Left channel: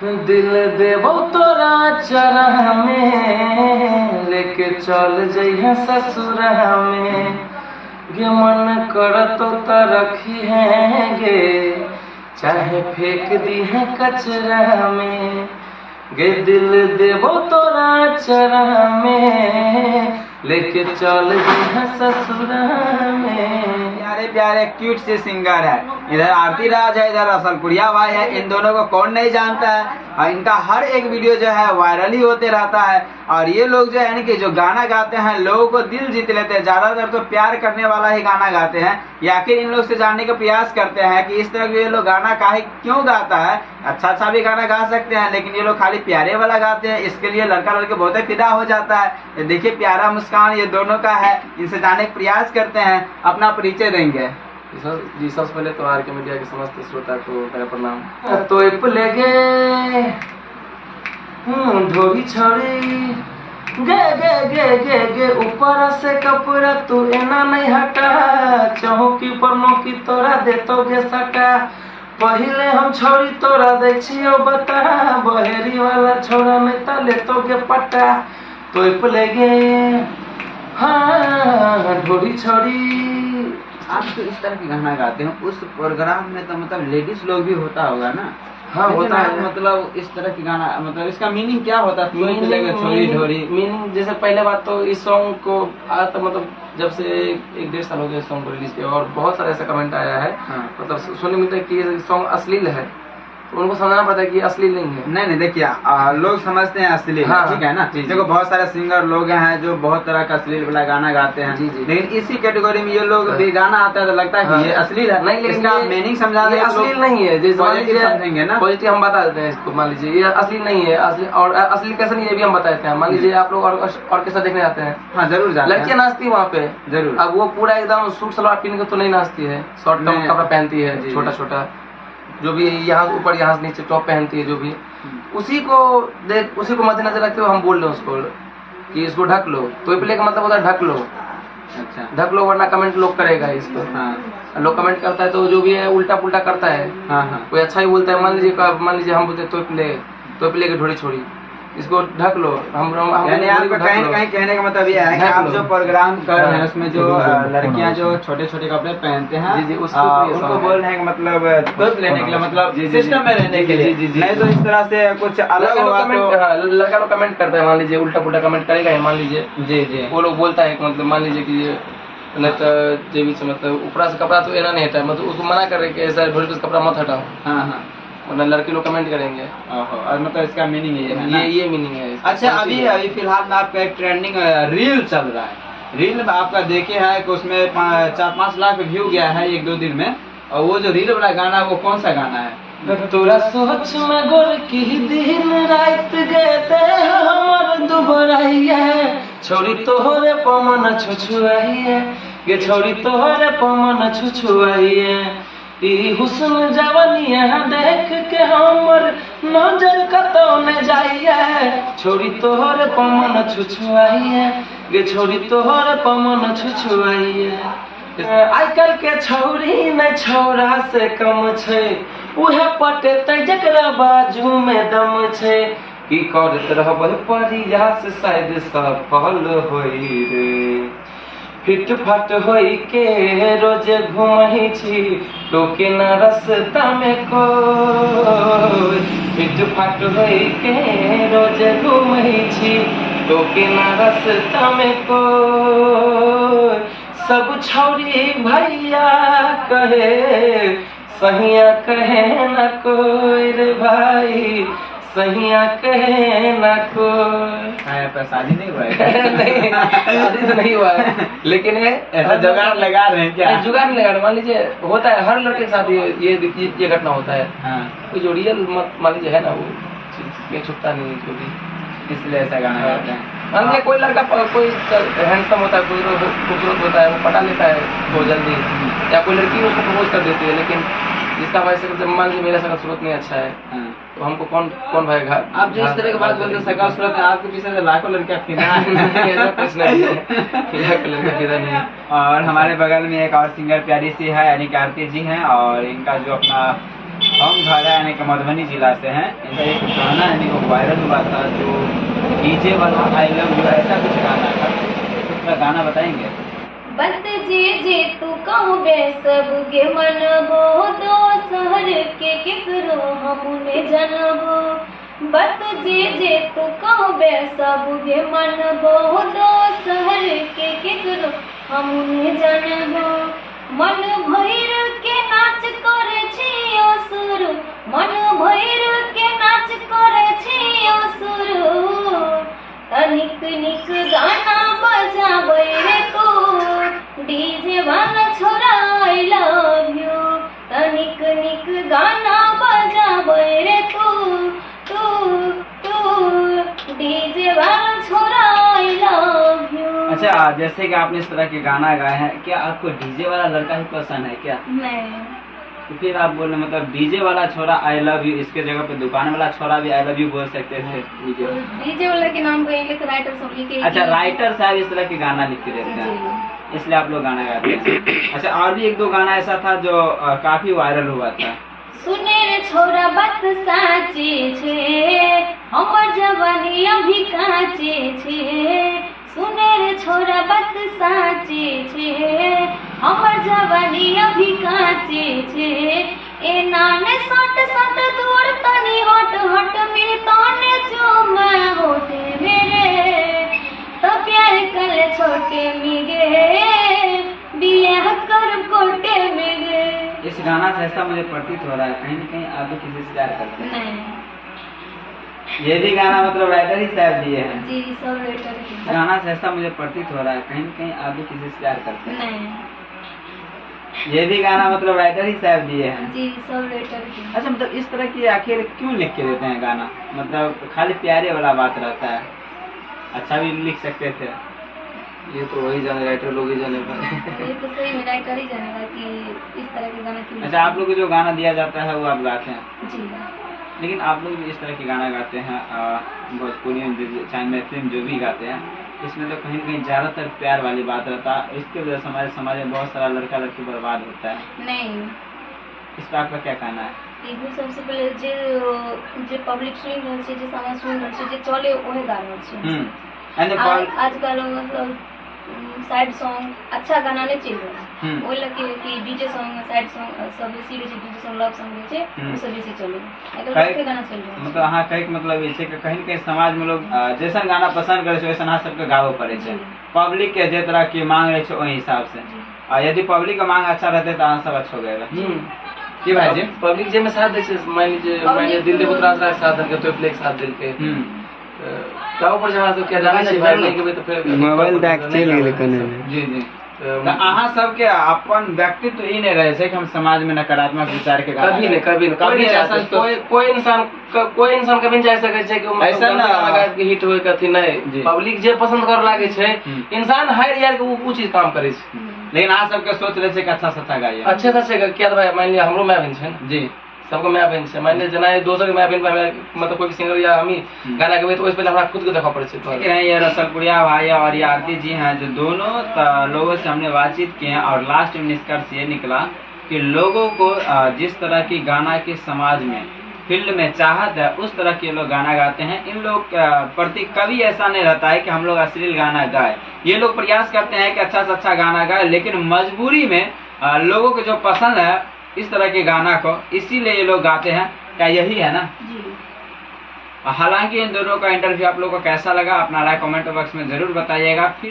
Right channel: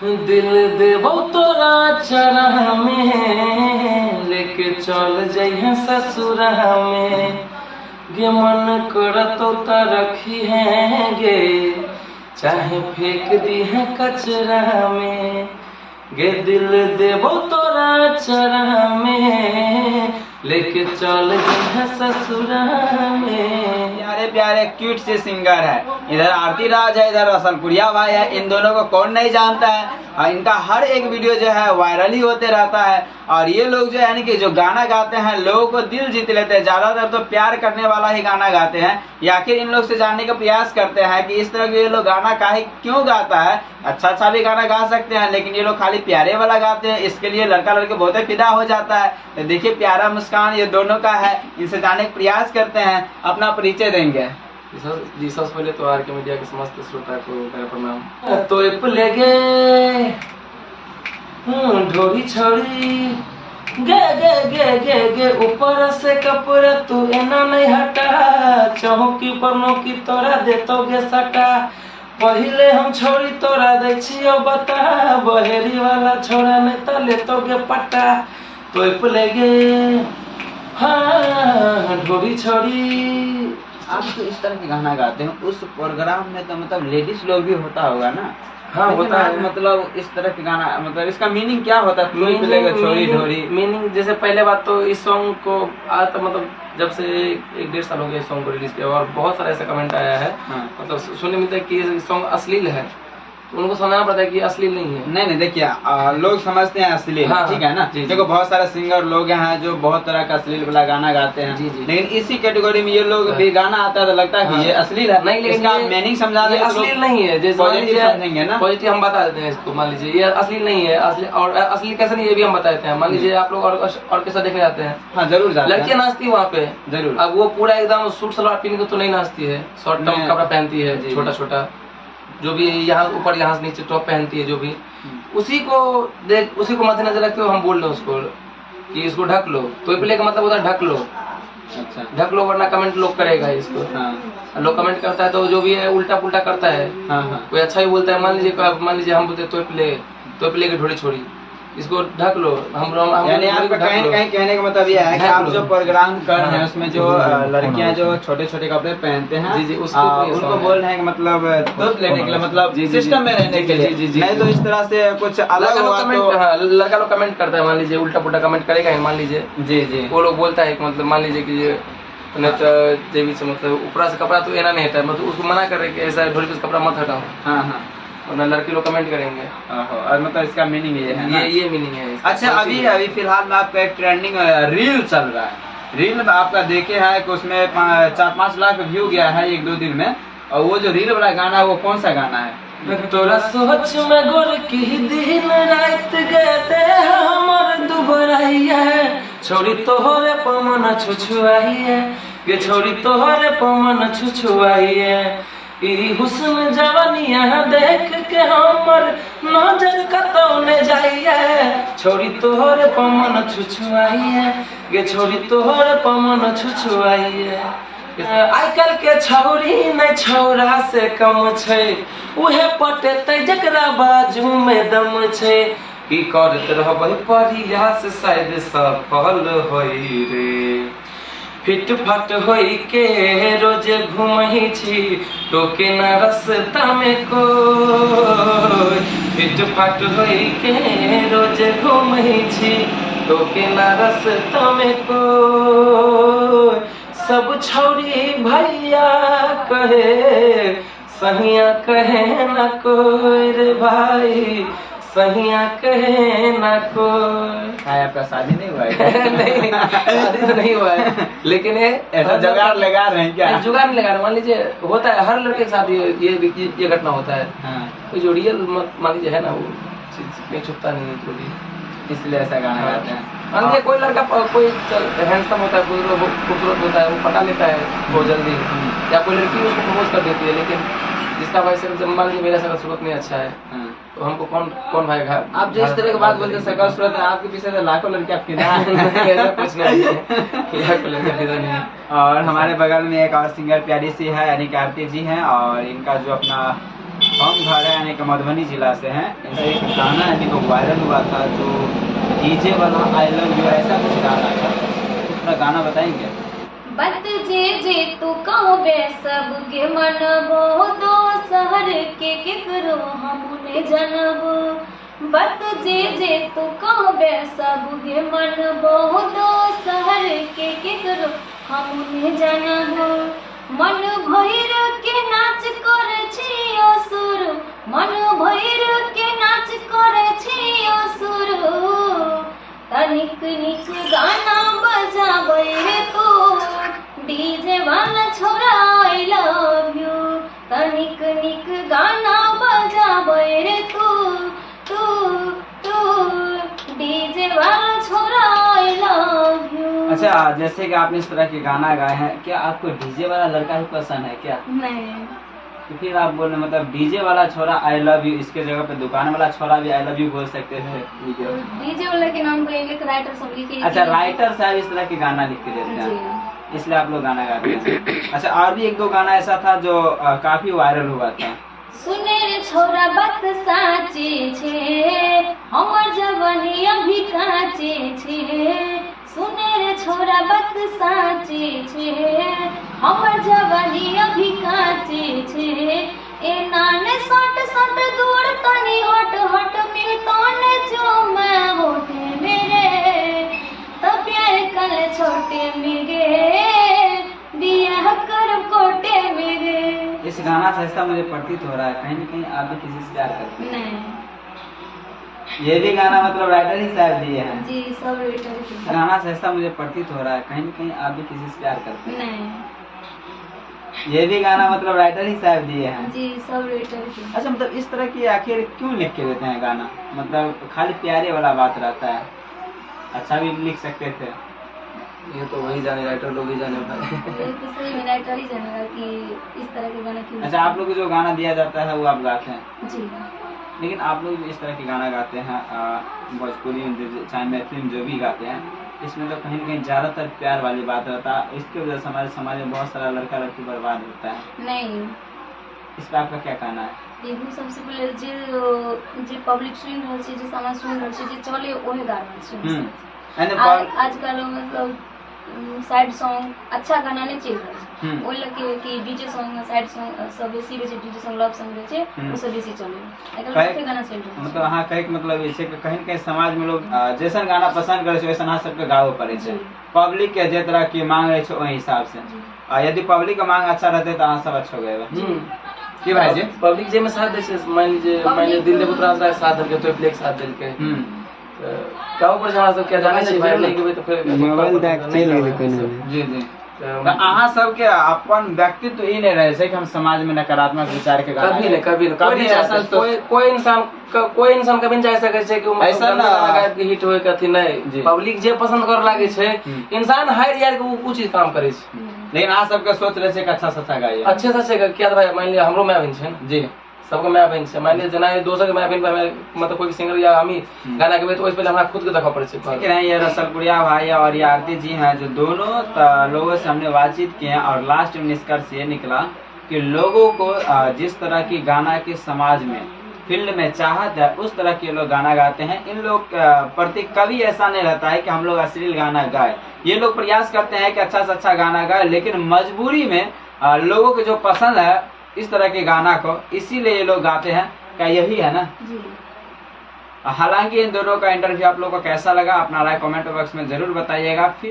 दिल देवो तोरा चरह में, लेके चल जइहे ससुरह में। गे मन करतो त रखी है गे, चाहे फेंक दी है कचरा में। गे दिल देवो तोरा चरह में, लेके चल जइहे ससुरह में। प्यारे प्यारे क्यूट से सिंगर है, इधर आरती राज है, इधर रसलपुरिया भाई है। इन दोनों को कौन नहीं जानता है, और इनका हर एक वीडियो जो है वायरल ही होते रहता है। और ये लोग जो है कि जो गाना गाते हैं लोगों को दिल जीत लेते हैं, ज्यादातर तो प्यार करने वाला ही गाना गाते हैं। या आखिर इन लोग से जानने का प्रयास करते हैं कि इस तरह के ये लोग गाना काहे क्यों गाता है। अच्छा भी गाना गा सकते हैं, लेकिन ये लोग खाली प्यारे वाला गाते हैं। इसके लिए लड़का लड़के बहुत ही फिदा हो जाता है। देखिए प्यारा मुस्कान ये दोनों का है, इनसे जानने का प्रयास करते हैं। अपना परिचय देंगे। जी सबसे पहले तो आर के मीडिया के समस्त श्रोता को मेरा प्रणाम। तो लेगे ढोरी छोड़ी गे गे गे गे गे, ऊपर से कपड़ा तू एना नहीं हटा। चौकी पर नौकी तोरा देतो गे सटा। पहिले हम छोड़ी तोरा दे छियो बता, बहेरी वाला छोड़ा नहीं त लेतो गे पट्टा। तो लेगे हाँ ढोरी छोड़ी। आप तो इस तरह के गाना गाते हैं, उस प्रोग्राम में तो मतलब लेडीज लोग भी होता होगा ना? हाँ होता है। मतलब इस तरह के गाना मतलब इसका मीनिंग क्या होता है? मीनिंग जैसे पहले बात तो इस सॉन्ग को आज तक मतलब जब से 1-1.5 साल हो गए सॉन्ग को रिलीज किया, और बहुत सारा ऐसा कमेंट आया है। हाँ। मतलब सुनने मिलता है कि ये सॉन्ग अश्लील है, तो उनको समझना पड़ता है कि असली नहीं है। नहीं देखिए लोग समझते हैं असली है। हाँ, ठीक है ना। देखो बहुत सारे सिंगर लोग हैं जो बहुत तरह का अश्लील वाला गाना गाते हैं। जी। लेकिन इसी कैटेगरी में ये लोग भी गाना आता है तो लगता है कि ये अश्लील है। नहीं, लेकिन इसका मीनिंग समझा दें, अश्लील नहीं है। जैसे पॉजिटिव समझेंगे ना, पॉजिटिव हम बता देते हैं इसको। मान लीजिए ये असली नहीं है, असली और असली कैसे नहीं ये भी हम बता देते हैं। मान लीजिए आप लोग ऑर्केस्ट्रा देखने जाते हैं। हाँ जरूर जाते हैं। लड़कियां नाचती है वहाँ पे जरूर। अब वो पूरा एकदम सूट सलवार पहन के तो नहीं नाचती है, शॉर्ट टॉप कपड़ा पहनती है, छोटा छोटा जो भी यहाँ ऊपर यहाँ से नीचे टॉप पहनती है जो भी, उसी को मद्देनजर रखते हुए हम बोल रहे हैं उसको कि इसको ढक लो। तो प्ले का मतलब होता है ढक लो। अच्छा ढक लो वरना कमेंट लोग करेगा इसको। हाँ। लोग कमेंट करता है तो जो भी है उल्टा पुल्टा करता है। हाँ। कोई अच्छा ही बोलता है। मान लीजिए हम बोलते तो प्ले की ढोड़ी छोड़ी, इसको ढक लो। यानी आपका कहीं कहने का मतलब ये है कि आप जो प्रोग्राम कर रहे हैं उसमें जो लड़कियां जो छोटे छोटे कपड़े पहनते हैं जी उनको बोल रहे हैं कि मतलब तोप लेने के लिए, मतलब सिस्टम में रहने के लिए। नहीं तो इस तरह से कुछ अलग होगा तो लड़का लोग कमेंट करता है। मान लीजिए उल्टा पुल्टा कमेंट करेगा, मान लीजिए जी वो लोग बोलता है मतलब मान लीजिए कि ये देवी से मतलब ऊपरा से कपड़ा तो एना नहीं हटा, मतलब उसको मना कर रहे कि ऐसा ढोल पे कपड़ा मत हटाओ। हाँ वरना लड़के लोग कमेंट करेंगे। और मतलब इसका मीनिंग ये मीनिंग है। अच्छा अभी फिलहाल में आपका एक ट्रेंडिंग रील चल रहा है। रील में आपका देखे है कि उसमें 4-5 लाख व्यू गया है 1-2 दिन में। और वो जो रील वाला गाना वो कौन सा गाना है? तोरा सोच में गोर की दिन रात गए हमर दुबराइया, छोरी तोहरे पमन छुछुआई है गे, छोरी तोहरे पमन छुछुआई है। ई हुस्न जवानिया देख के हमर नजर कतौने जाइए, छोरी तोहर पमन छुछुआई है गे, छोरी तोहर पमन छुछुआई है। आइ काल्हि के छौरी नहीं छौरा से कम छै, उहे पटेतै जकरा बाजू में दम छै। की करैत रहबै प्रयास शायद सफल होइ रे, फिट फाट होई के रोज घूमही छी टोके न रास्ता में कोई। फिट फाट होई के रोज घूमही छी टोके न रास्ता में कोई। सब छौरी भैया कहे सहिया कहे न कोई रे भाई, सहिया कहे ना कोई। आपका शादी नहीं हुआ है? नहीं शादी तो नहीं हुआ है, लेकिन ये ऐसा जुगाड़ लगा रहे हैं क्या? जुगाड़ नहीं लगा रहे। मान लीजिए होता है हर लड़के के साथ ये घटना होता है। हाँ। जो रियल मान लीजिए है ना वो छुपता नहीं है जो भी, इसलिए ऐसा गाना गाते हैं। मान लीजिए कोई लड़का कोई हैंडसम होता है, कोई खूबसूरत होता है, वो पटा लेता है बहुत जल्दी, या कोई लड़की उसको प्रपोज कर देती है, लेकिन जिसका भाई से मान लीजिए मेरा सूरत नहीं अच्छा है तो हमको कौन भाई घर। आप जिस तरह की बात बोलते हैं सकल सूरत है, आपके पीछे से लाखों लड़कियां फिदा है। ऐसा कुछ नहीं है। और हमारे बगल में एक और सिंगर प्यारी सी है यानी कि आरती जी हैं, और इनका जो अपना हम घर है यानी कि मधुबनी जिला से हैं। इनका एक गाना यानी कि वायरल हुआ था जो डीजे वाला आई लव यू ऐसा कुछ गाना था, पूरा गाना बताएंगे? बत जे तू कहबे सबके मनबो, दो शहर के केकरो हमने जनबो। बत जे तू कहबे सबके मनबो, दो शहर के केकरो हमने जनबो। मन भैर के नाच करे छियो सुरु, मन भैर के नाच करे छियो सुरु। तनिक निक गाना बजाबै रे तू, डीजे वाला छोरा आई लव यू। तनिक निक गाना बजाबै रे तू डीजे वाला छोरा आई लव यू। अच्छा, जैसे कि आपने इस तरह के गाना गाए हैं, क्या आपको डीजे वाला लड़का ही पसंद है क्या? नहीं। तो फिर आप बोल रहे मतलब डीजे वाला छोरा आई लव यू, इसके जगह पे दुकान वाला छोरा भी आई लव यू बोल सकते थे। डीजे वाला के नाम को एक राइटर सब लिखे। अच्छा, राइटर साहब इस तरह के गाना लिख के देते हैं, इसलिए आप लोग गाना गाते हैं। अच्छा, और भी एक दो गाना ऐसा था जो काफी वायरल हुआ था। सुने रे छोरा बात साचे छे, हमर जवानी अभी काचे छे। सुने रे छोरा बात साचे छे, हमर जवानी अभी काचे छे। ए नाने सट सट दूर तनी हट हट मिल तने जो मैं होते मेरे। तो प्यार कल छोटे मिगे, बियाह कर कोटे मिगे। इस गाना से ऐसा मुझे प्रतीत हो रहा है कहीं न कहीं आप भी किसी से प्यार करते हैं। नहीं। ये भी गाना मतलब राइटर ही साहब दिए हैं। जी, सब राइटर ही। गाना से ऐसा मुझे प्रतीत हो रहा है कहीं न कहीं आप भी किसी से प्यार करते हैं। नहीं। ये भी गाना मतलब राइटर ही साहब दिए हैं। जी, सब राइटर ही। अच्छा, मतलब इस तरह की आखिर क्यों लिख के देते हैं गाना? मतलब खाली प्यारे वाला बात रहता है, अच्छा भी लिख सकते थे। ये तो वही जाने, राइटर लोग ही जाने भाई। ये तो सही में राइटर ही जानेगा कि इस तरह के गाना क्यों। अच्छा, आप लोग को जो गाना दिया जाता है वो आप गाते हैं? जी। लेकिन आप लोग इस तरह के गाना गाते हैं भोजपुरी में, चाहे मैथिली में जो भी गाते हैं, इसमें तो कहीं न कहीं ज़्यादातर प्यार वाली बात रहता है। इसकी वजह से हमारे समाज में बहुत सारा लड़का लड़की बर्बाद होता है। नहीं, इस पर आपका क्या कहना है? एगो सबसे पहले जे पब्लिक सुन रहल छै, जे समाज सुन रहल छै, जे चले ओहे गा रहल छै। आजकल मतलब साइड सॉन्ग अच्छा गाना नहीं चल रहा है। ओइ लगे कि डीजे सॉन्ग साइड सॉन्ग सब बेसी रहे छै, डीजे सॉन्ग लव सॉन्ग रहे छै, वो सब बेसी चले। एकर गाना चल रहा है। मतलब अहाँ कहे के मतलब ये छै कि कहीं न कहीं समाज में लोग जैसन गाना पसंद करे छै वैसन अहाँ सबके गावो पड़े छै। पब्लिक के जे तरह की मांग रहे छै ओहि हिसाब से। यदि पब्लिक के मांग अच्छा रहते तो अहाँ सब अच्छो गए। की भाई जी? पब्लिक जे में साथ दे छै, मान लीजिए दिल देव उतरा साथ दे के तो प्ले साथ दिल के क्या ऊपर जमा सब क्या जाने छै भाई, नहीं के तो फिर मोबाइल देख चल गेल कने। जी जी। तो अहाँ सबके अपन व्यक्तित्व ई नहीं रहे छै कि हम समाज में नकारात्मक विचार के गाना कभी ऐसा कोई इंसान कभी नहीं जा सके छै कि ऐसा ना गायब के हिट होय कथी नहीं। पब्लिक जे पसंद कर लागे छै, इंसान हार यार के वो कुछ चीज काम करे छै। लेकिन अहाँ सबके सोच रहे छै कि अच्छा अच्छा गाइए, अच्छे से अच्छे क्या भाई। मान लिया हमरो माय बहन छै जी, सबको माय बहन छै। मान लिया जना दोसर के माय बहन पर मतलब कोई सिंगर या हम ही गाना गाबे तो ओइ पहले हमरा खुद के देखा पड़े छै। ये रसलपुरिया भाई और ये आरती जी हैं जो दोनों लोगों से हमने बातचीत की है और लास्ट में निष्कर्ष ये निकला कि लोगों को जिस तरह की गाना के समाज में फील्ड में चाहत है उस तरह के लोग गाना गाते हैं। इन लोग प्रति कभी ऐसा नहीं रहता है कि हम लोग अश्लील गाना गाए। ये लोग प्रयास करते हैं कि अच्छा से अच्छा गाना गाए, लेकिन मजबूरी में लोगों को जो पसंद है इस तरह के गाना को, इसीलिए ये लोग गाते हैं। क्या यही है ना? जी। हालांकि इन दोनों का इंटरव्यू आप लोगों को कैसा लगा अपना राय कमेंट बॉक्स में जरूर बताइएगा।